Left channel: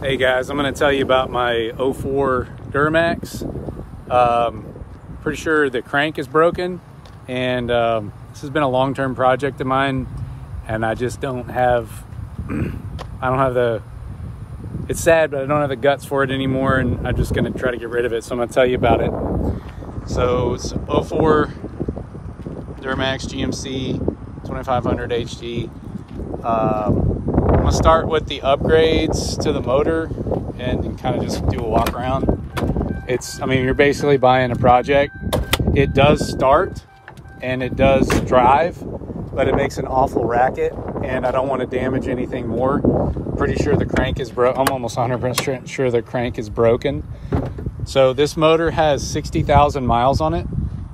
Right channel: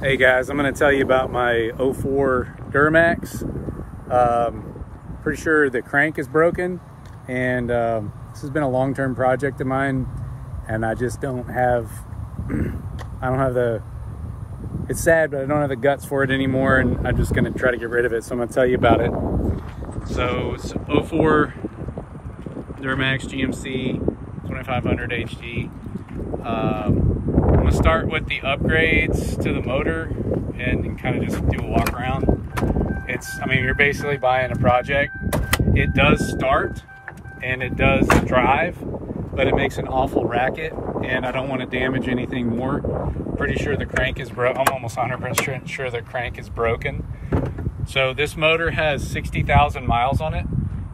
Hey guys, I'm going to tell you about my 04 Duramax. Pretty sure the crank is broken, and this has been a long-term project of mine, and I just don't have, it's sad, but I don't have the guts for it anymore, and I'm just going to try to get rid of it, so I'm going to tell you about it. So it's 04 Duramax GMC 2500 HD. I'm gonna start with the upgrades to the motor and kind of just do a walk around. I mean, you're basically buying a project. It does start and it does drive, but it makes an awful racket, and I don't want to damage anything more. Pretty sure the crank is broken. I'm almost 100% sure the crank is broken. So this motor has 60,000 miles on it.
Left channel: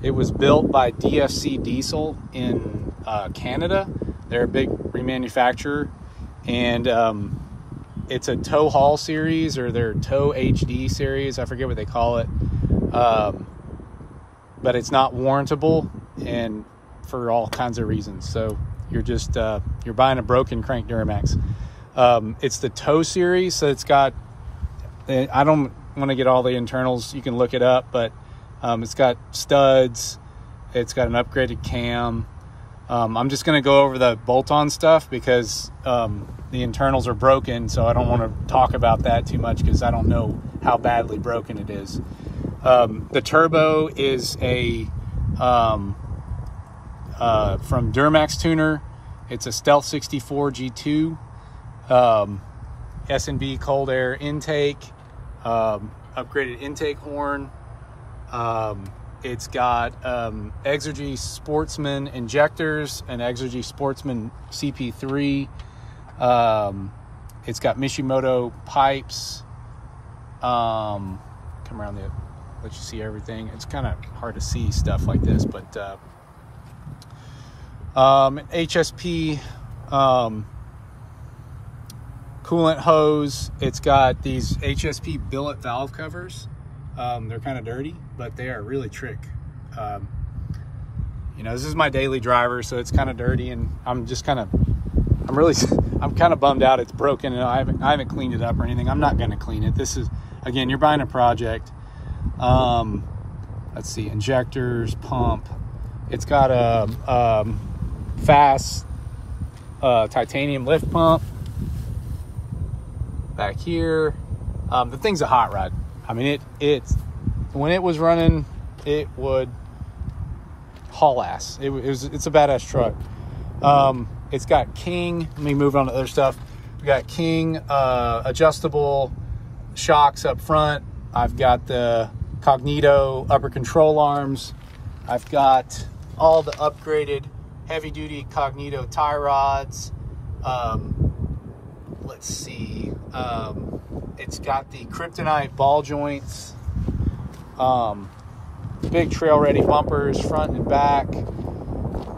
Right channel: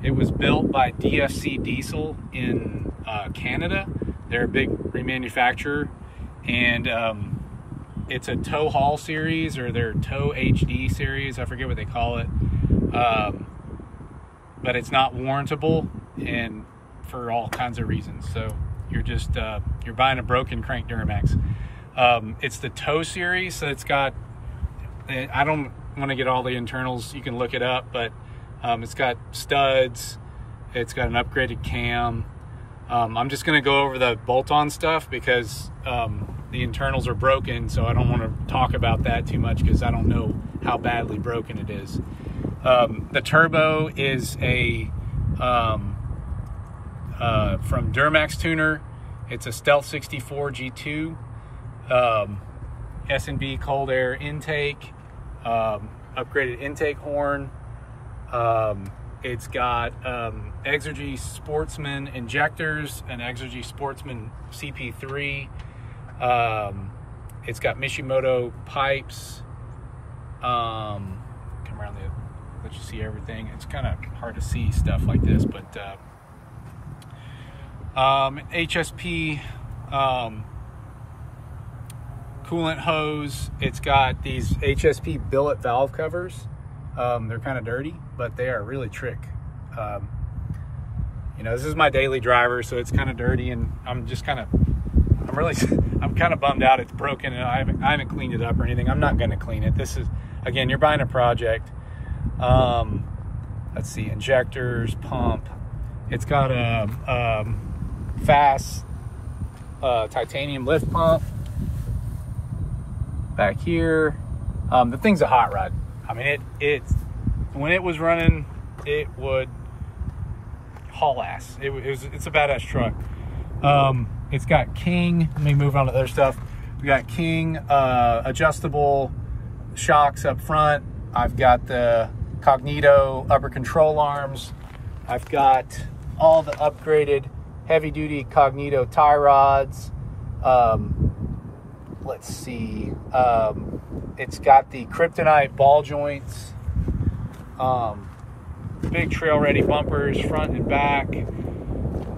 It was built by DFC Diesel in Canada. They're a big remanufacturer, and it's a tow haul series, or their tow HD series. I forget what they call it, but it's not warrantable, and for all kinds of reasons. So you're just you're buying a broken crank Duramax. It's the tow series, so it's got, I don't want to get all the internals, you can look it up, but it's got studs, it's got an upgraded cam. I'm just going to go over the bolt-on stuff because the internals are broken, so I don't want to talk about that too much because I don't know how badly broken it is. The turbo is a from Duramax Tuner. It's a Stealth 64 G2, S&B cold air intake, upgraded intake horn. It's got Exergy Sportsman injectors and Exergy Sportsman CP3. It's got Mishimoto pipes. Come around the, let you see everything. It's kind of hard to see stuff like this, but HSP coolant hose. It's got these HSP billet valve covers. They're kind of dirty, but they are really trick. You know, this is my daily driver, so it's kind of dirty, and I'm kind of bummed out it's broken, and I haven't cleaned it up or anything. I'm not going to clean it. This is, again, you're buying a project. Let's see, injectors, pump. It's got a fast titanium lift pump back here. The thing's a hot rod. I mean, when it was running, it would haul ass. It's a badass truck. It's got King. Let me move on to other stuff. We got King adjustable shocks up front. I've got the Cognito upper control arms. I've got all the upgraded heavy-duty Cognito tie rods. Let's see. It's got the Kryptonite ball joints, big trail ready bumpers front and back,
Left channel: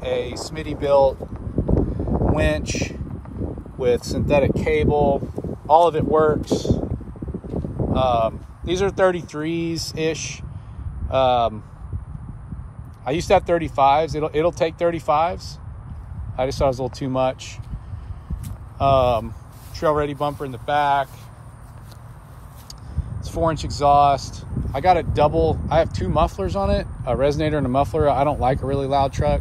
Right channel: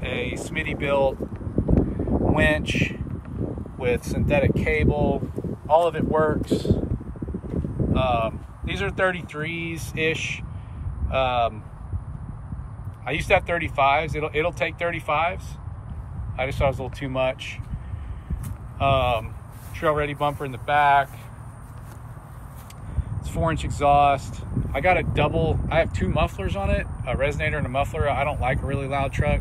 a Smitty built winch with synthetic cable. All of it works. These are 33s ish. I used to have 35s. It'll take 35s. I just thought it was a little too much. Trail ready bumper in the back. It's 4-inch exhaust. I have two mufflers on it, a resonator and a muffler. I don't like a really loud truck.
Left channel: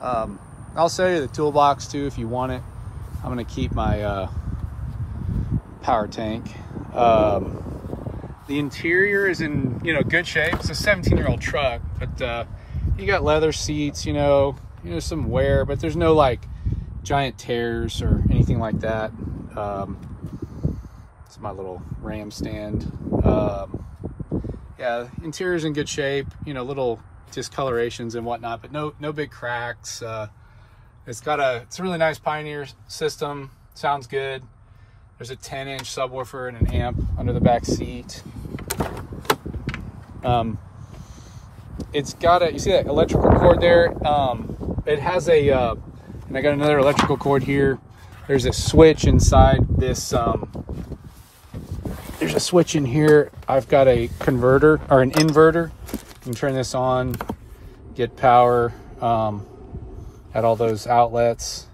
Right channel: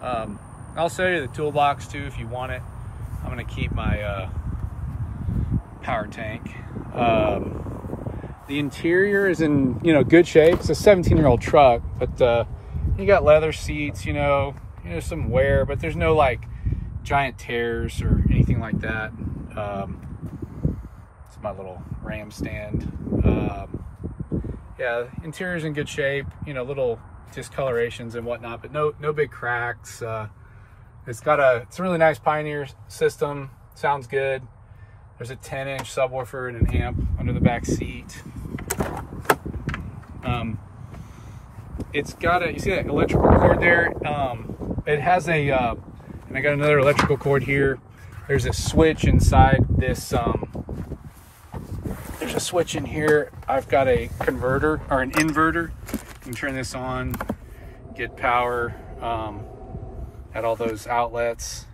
I'll show you the toolbox too if you want it. I'm gonna keep my power tank. The interior is in good shape. It's a 17-year-old truck, but you got leather seats. There's some wear, but there's no like giant tears or anything like that. It's my little ram stand. Yeah, interior's in good shape. Little discolorations and whatnot, but no big cracks. It's a really nice Pioneer system. Sounds good. There's a 10-inch subwoofer and an amp under the back seat. It's got you see that electrical cord there? It has and I got another electrical cord here. There's a switch inside this. There's a switch in here. I've got a converter or an inverter. You can turn this on, get power at all those outlets.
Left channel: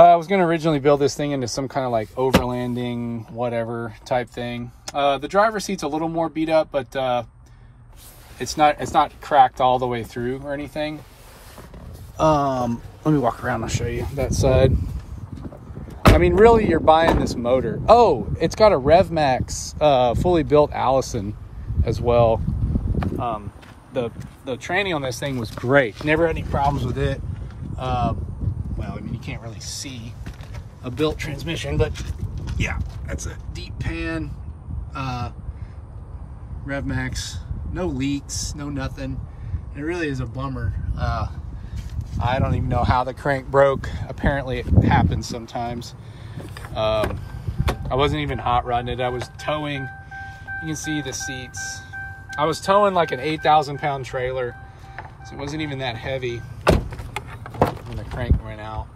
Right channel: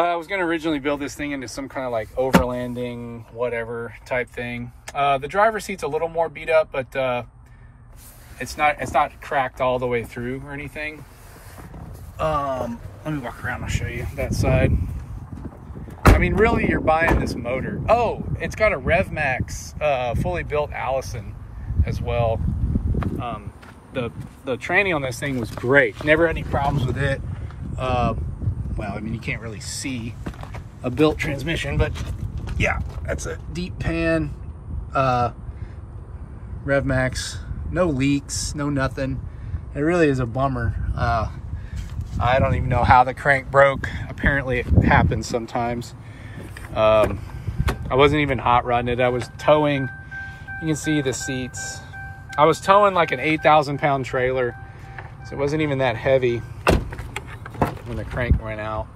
I was going to originally build this thing into some kind of like overlanding, whatever type thing. The driver's seat's a little more beat up, but it's not cracked all the way through or anything. Let me walk around and show you that side. I mean, really, you're buying this motor. Oh, it's got a RevMax fully built Allison as well. The training on this thing was great. Never had any problems with it. Well, I mean, you can't really see a built transmission, but yeah, that's a deep pan RevMax. No leaks, no nothing. It really is a bummer. I don't even know how the crank broke. Apparently it happens sometimes. I wasn't even hot rodding it. I was towing. You can see the seats. I was towing like an 8,000-pound trailer, so it wasn't even that heavy when the crank went out.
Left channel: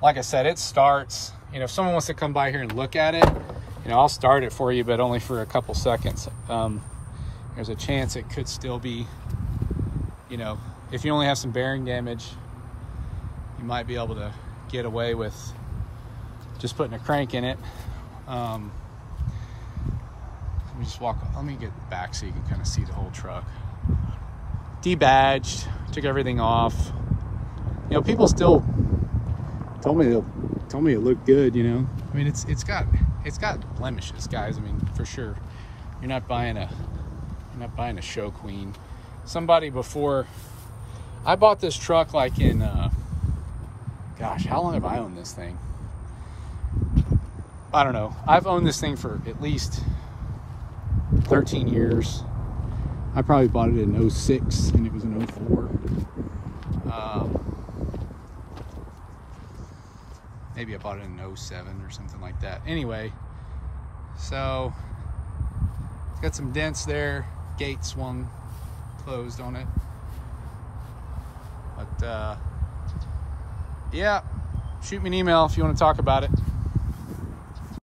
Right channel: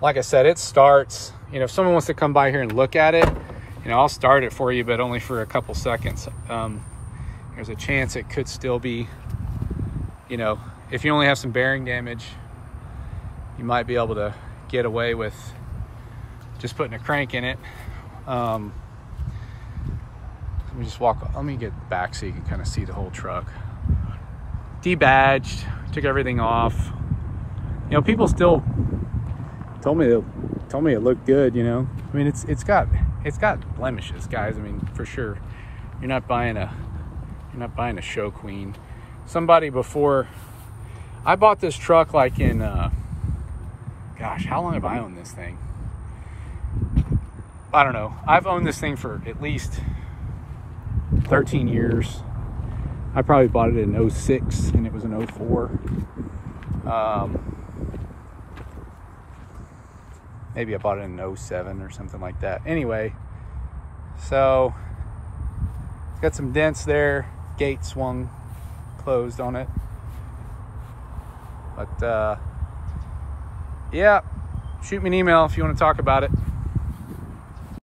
Like I said, it starts. You know, if someone wants to come by here and look at it, you know, I'll start it for you, but only for a couple seconds. There's a chance it could still be, you know, if you only have some bearing damage, you might be able to get away with just putting a crank in it. Let me just walk, let me get back so you can kind of see the whole truck. Debadged, took everything off. You know, people still told me it looked good, you know. I mean, it's got blemishes, guys. I mean, for sure. You're not buying a show queen. Somebody before, I bought this truck like in gosh, how long have I owned this thing? I don't know. I've owned this thing for at least 13 years. I probably bought it in 06 and it was in 04. Maybe I bought it in 07 or something like that. Anyway, so it's got some dents there. Gate swung closed on it. But yeah, shoot me an email if you want to talk about it.